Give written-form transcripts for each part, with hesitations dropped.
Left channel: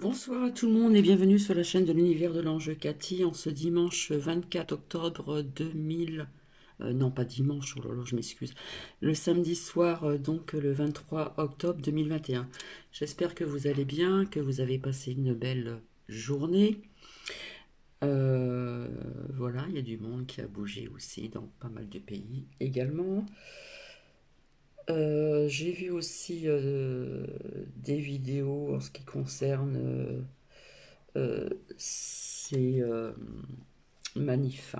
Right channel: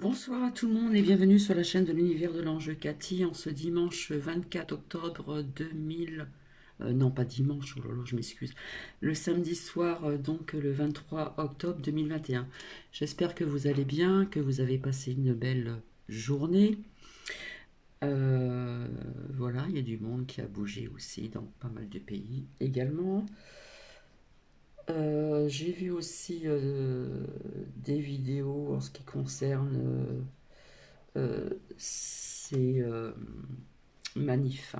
Bonsoir à tout le monde et bienvenue sur la chaîne de l'univers de l'ange Cathy en ce dimanche 24 octobre 2000. Non, pas dimanche, oh là là, je m'excuse. Le samedi soir, donc le 23 octobre 2021. J'espère que vous allez bien, que vous avez passé une belle journée. Voilà, il y a du monde qui a bougé aussi dans pas mal de pays également. J'ai vu aussi des vidéos en ce qui concerne ces manifs.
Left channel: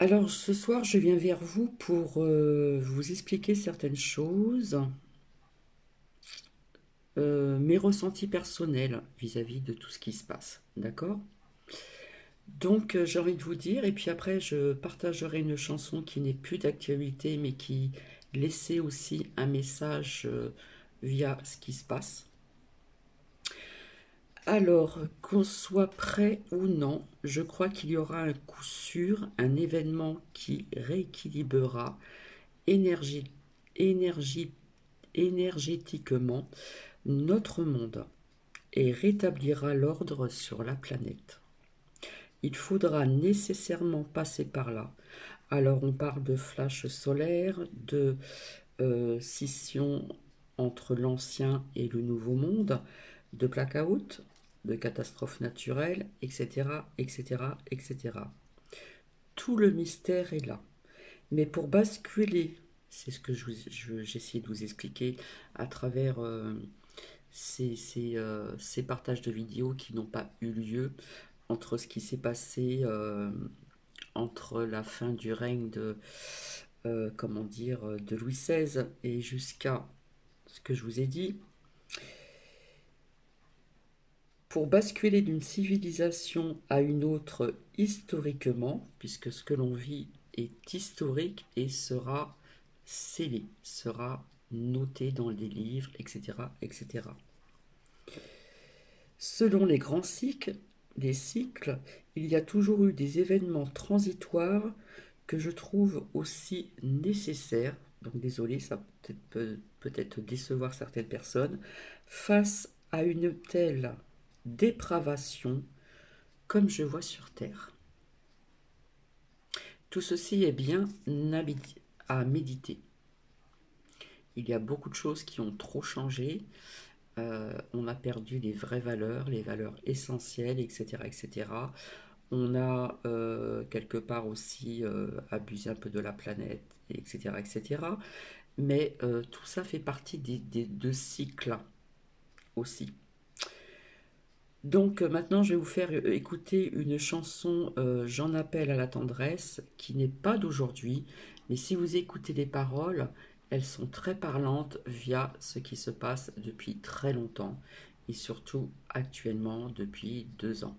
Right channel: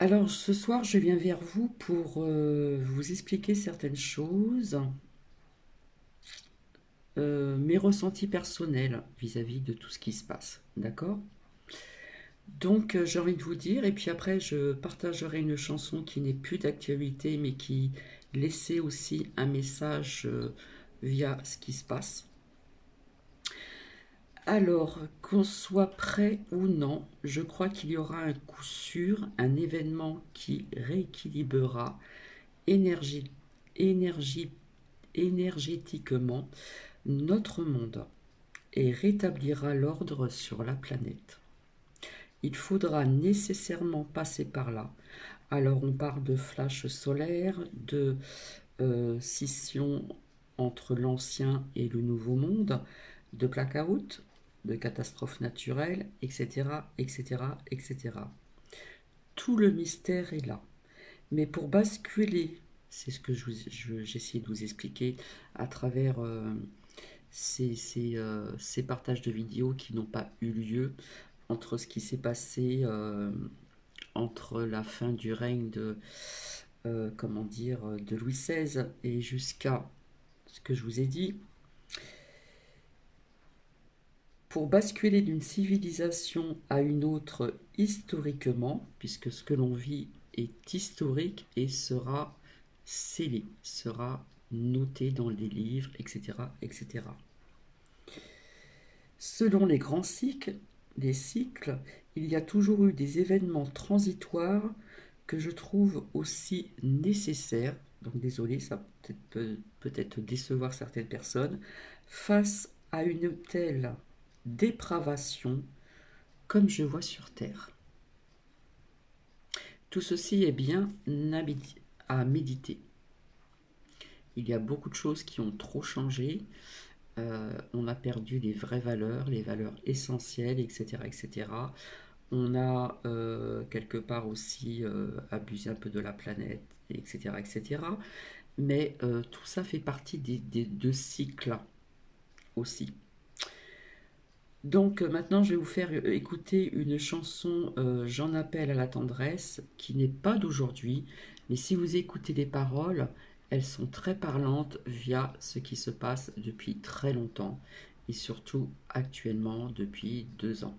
Alors ce soir, je viens vers vous pour vous expliquer certaines choses, mes ressentis personnels vis-à-vis de tout ce qui se passe, d'accord? Donc j'ai envie de vous dire, et puis après je partagerai une chanson qui n'est plus d'actualité, mais qui laissait aussi un message via ce qui se passe. Alors, qu'on soit prêt ou non, je crois qu'il y aura un coup sûr, un événement qui rééquilibrera énergie, énergie, énergétiquement notre monde et rétablira l'ordre sur la planète. Il faudra nécessairement passer par là. Alors on parle de flash solaire, de scission entre l'ancien et le nouveau monde, de blackout, de catastrophes naturelles, etc., etc., etc. Tout le mystère est là. Mais pour basculer, c'est ce que j'essaie de vous expliquer à travers ces partages de vidéos qui n'ont pas eu lieu entre ce qui s'est passé entre la fin du règne de, comment dire, de Louis XVI et jusqu'à ce que je vous ai dit. Pour basculer d'une civilisation à une autre historiquement, puisque ce que l'on vit est historique et sera scellé, sera noté dans les livres, etc., etc. Selon les grands cycles, il y a toujours eu des événements transitoires que je trouve aussi nécessaires, donc désolé, ça peut-être décevoir certaines personnes, face à une telle dépravation comme je vois sur Terre. Tout ceci est bien à méditer. Il y a beaucoup de choses qui ont trop changé. On a perdu les vraies valeurs, les valeurs essentielles, etc. etc. On a quelque part aussi abusé un peu de la planète, etc. etc. Mais tout ça fait partie des deux cycles aussi. Donc maintenant, je vais vous faire écouter une chanson J'en appelle à la tendresse, qui n'est pas d'aujourd'hui, mais si vous écoutez les paroles, elles sont très parlantes via ce qui se passe depuis très longtemps, et surtout actuellement depuis 2 ans.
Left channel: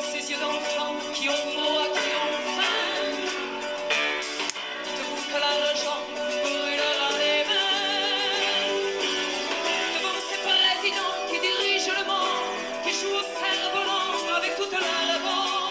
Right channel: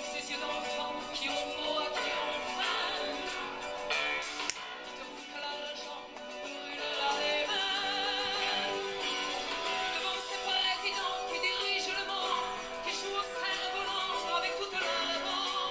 Ces yeux d'enfant qui ont froid, qui ont faim, te bouffent l'argent, brûlera les mains. Devant ces présidents qui dirigent le monde, qui jouent au cerf-volant avec toute leur bande.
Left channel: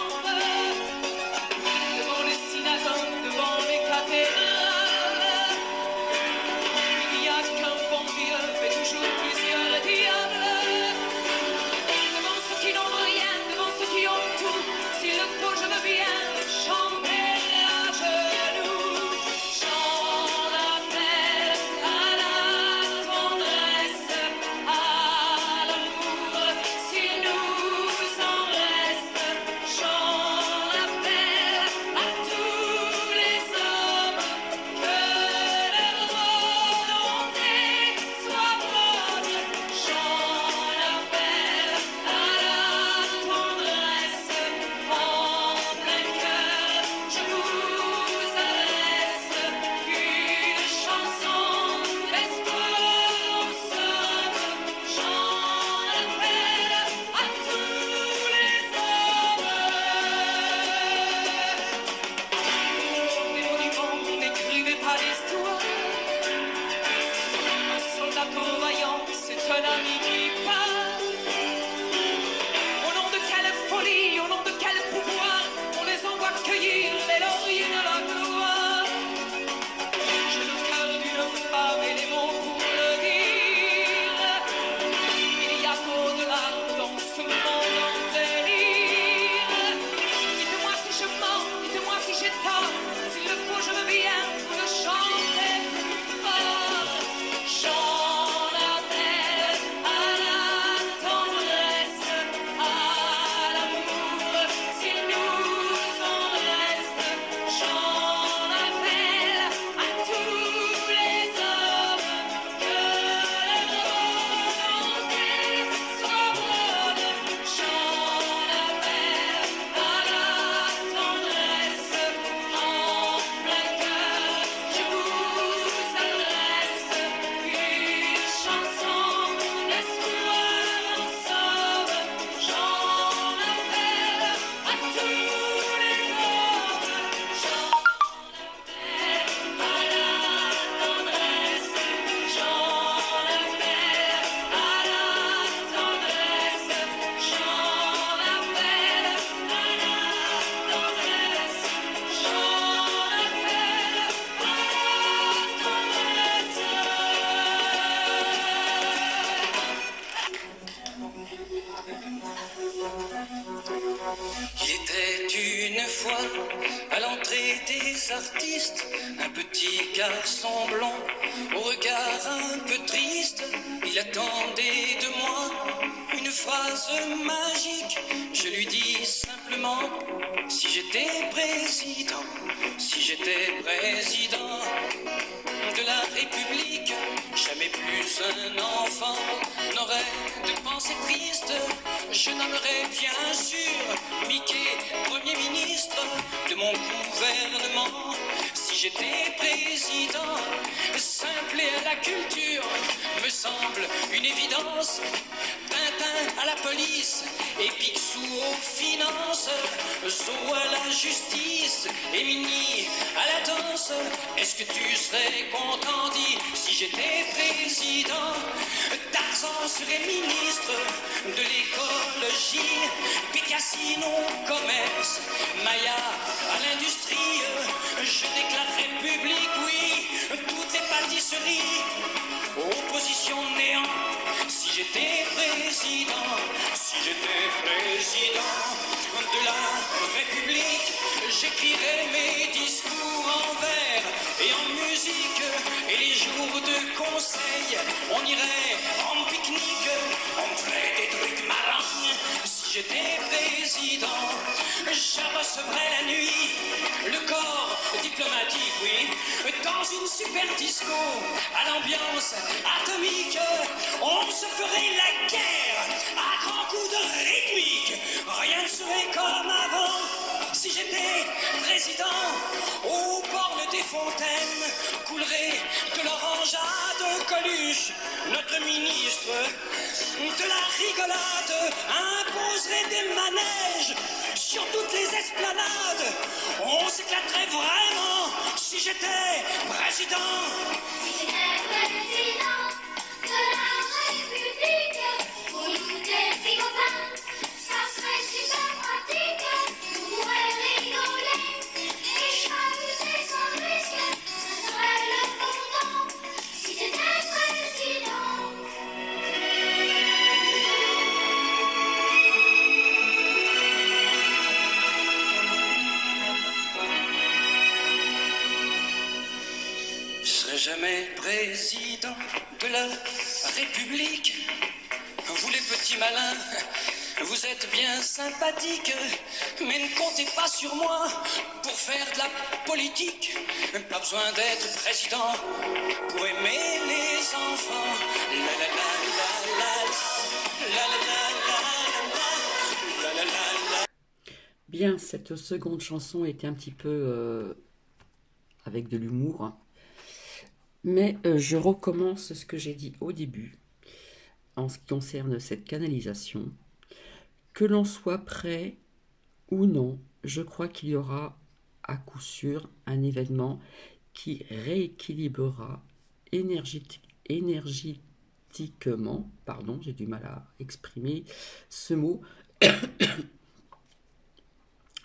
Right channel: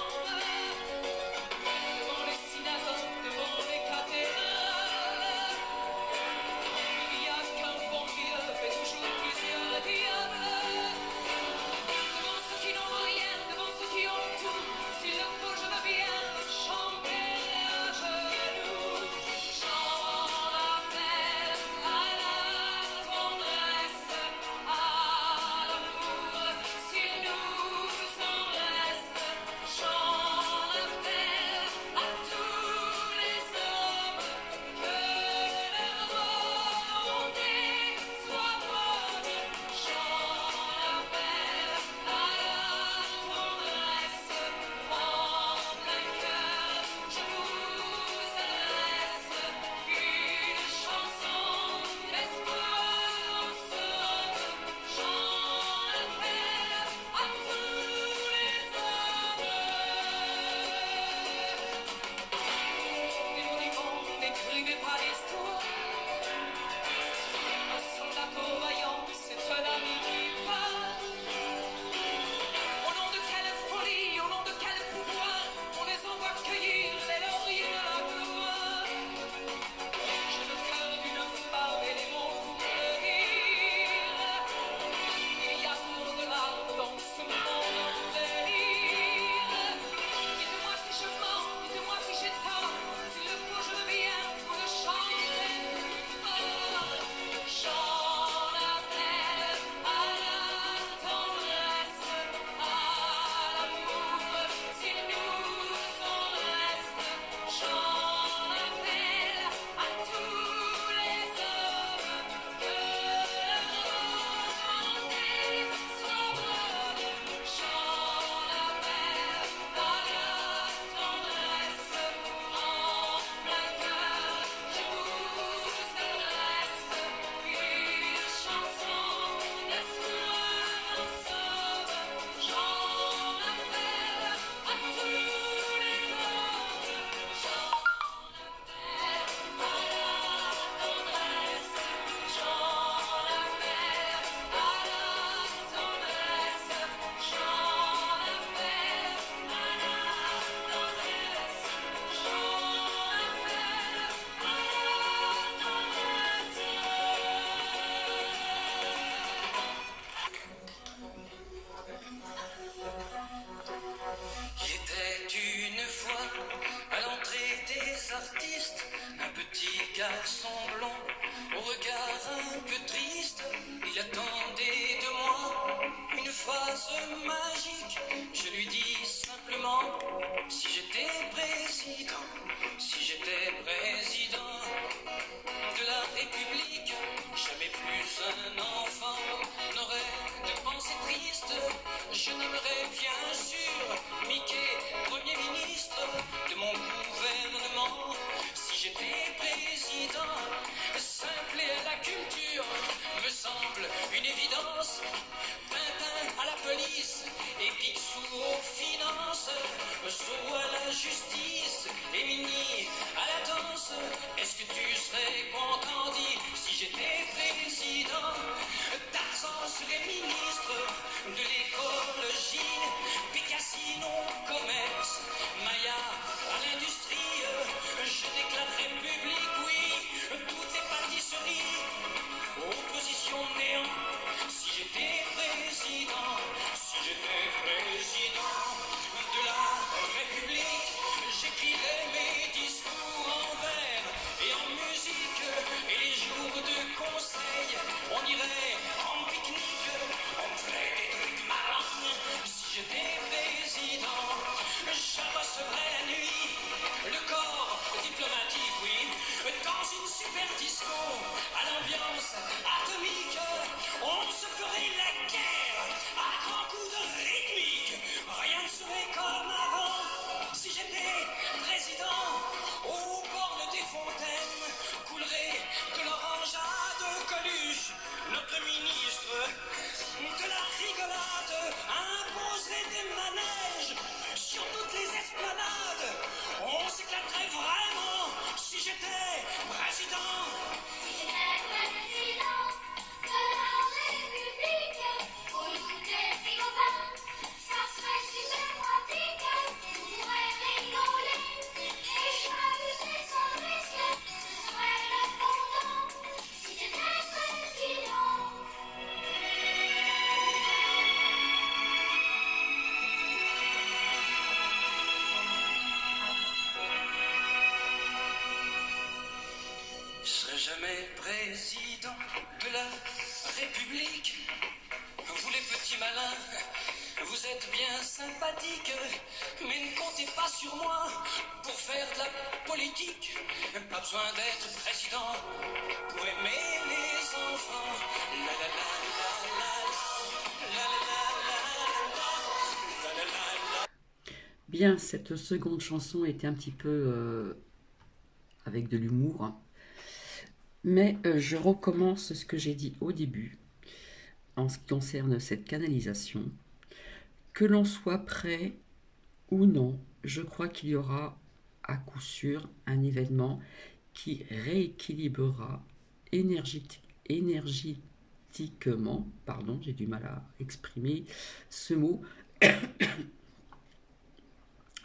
Je nommerai bien sûr Mickey Premier ministre de mon gouvernement. Si j'étais président, simple et à la culture me semble une évidence. Tintin à la police et Picsou aux finances, Zorro à la justice et Minnie à la danse. Est-ce que tu serais content, dit, si j'étais président? Tarzan serait ministre de l'écologie, Bécassine au commerce, Maya à l'industrie. Je déclare République, oui, toutes les pâtisseries. Opposition néant, si j'étais président, si j'étais président de la République, j'écrirais mes discours en vers et en musique, et les jours de conseil, on irait en pique-nique, on me ferait des trucs marrants. Si j'étais président, je recevrais la nuit le corps diplomatique, oui, dans une super disco à l'ambiance atomique. On se ferait la guerre à grands coups de rythmique. Rien ne serait comme avant. Si j'étais président, au bord des fontaines coulerait de l'orangeade. Coluche, notre ministre de la rigolade, imposerait des manèges sur toutes les esplanades. On s'éclaterait vraiment si j'étais président. Si j'étais président de la République, pour nous des petits copains, ça serait super pratique. On pourrait rigoler et s'amuser sans risque, ça serait le bon temps. Si j'étais président. Je serai jamais président de la République. Vous les petits malins, vous êtes bien sympathiques, mais ne comptez pas sur moi pour faire de la politique. Pas besoin d'être président pour aimer les enfants. La la la la la la la la la la la la la. Bien, cette seconde chanson était un petit peu avec de l'humour, hein. Mais je recommence ce que j'ai dit au début en ce qui concerne cette canalisation. Que l'on soit prêt ou non, je crois qu'il y aura à coup sûr un événement qui rééquilibrera énergétiquement, pardon, j'ai du mal à exprimer ce mot,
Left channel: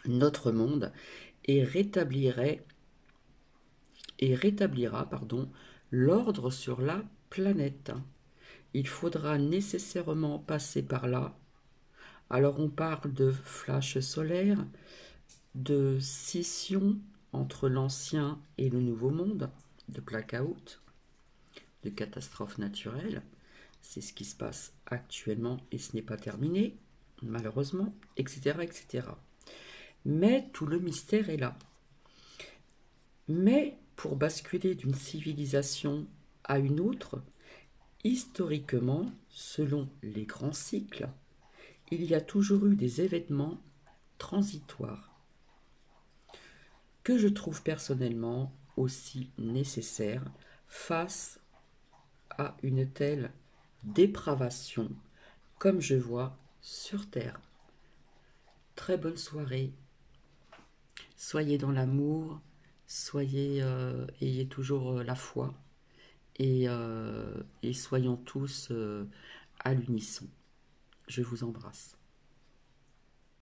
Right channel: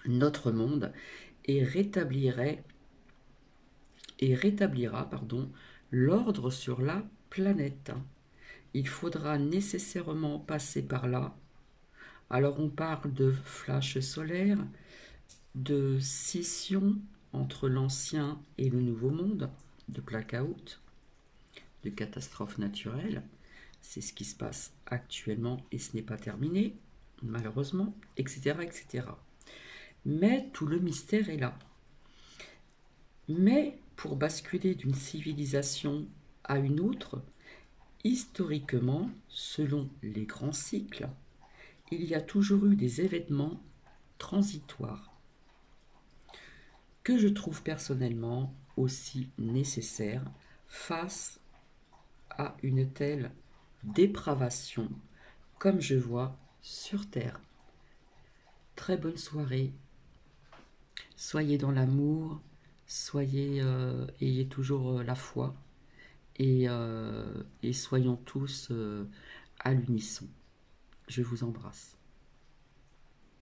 notre monde et rétablira l'ordre sur la planète. Il faudra nécessairement passer par là. Alors on parle de flash solaire, de scission entre l'ancien et le nouveau monde, de blackout, de catastrophe naturelle. C'est ce qui se passe actuellement et ce n'est pas terminé, malheureusement, etc., etc. Mais tout le mystère est là. Mais pour basculer d'une civilisation à une autre, historiquement, selon les grands cycles, il y a toujours eu des événements transitoires que je trouve personnellement aussi nécessaires face à une telle dépravation comme je vois sur Terre. Très bonne soirée. Soyez dans l'amour, ayez toujours la foi et soyons tous à l'unisson. Je vous embrasse.